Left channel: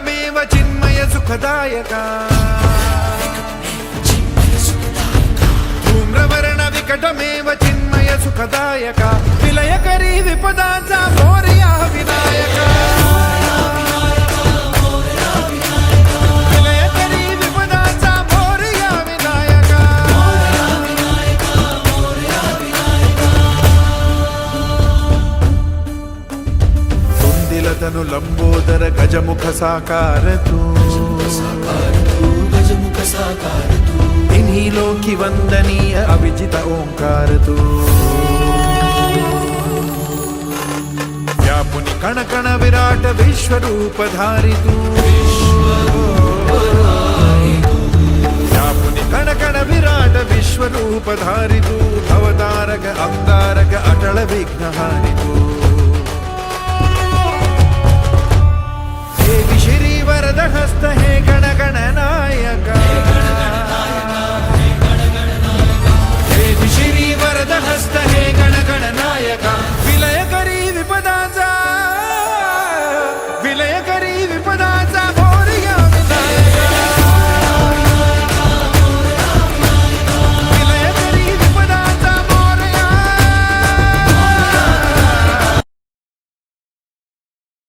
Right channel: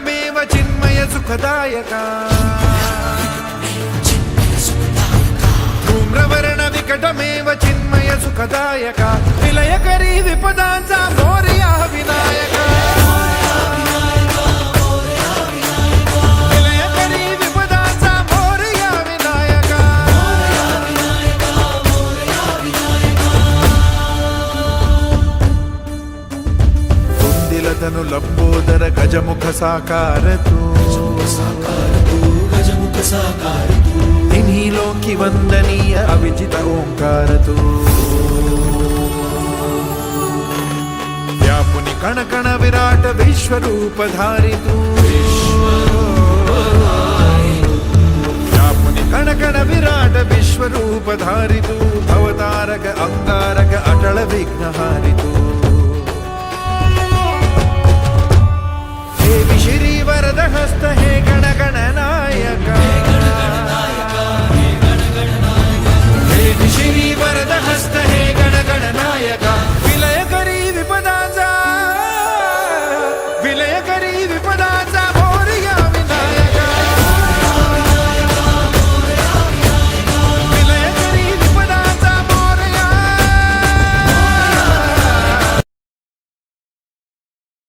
विकटमेव चिन्मय सुखदायका धूम्रवर्ण विकटमेव चिन्मय सुखदायका विलयकरी विपदांचा मोरया विनायका विलयकरी विपदांचा मोरया विनायका तुंदिलतनु लंबोदर गजमुख साकार तू इन्हीं लोकी वंदनीय अविजित ओंकार तू व्यापुनि कण कण विराट विश्वरूप धारी तू व्यापुनि कण कण विराट विश्वरूप धारी तू भवतारक अंगारक अटल विघ्नहारी तू हे विश्री वरद हस्त हे गण गण नायका श्री वरद हस्त हे गण गण नायका विलय करी विपदांचा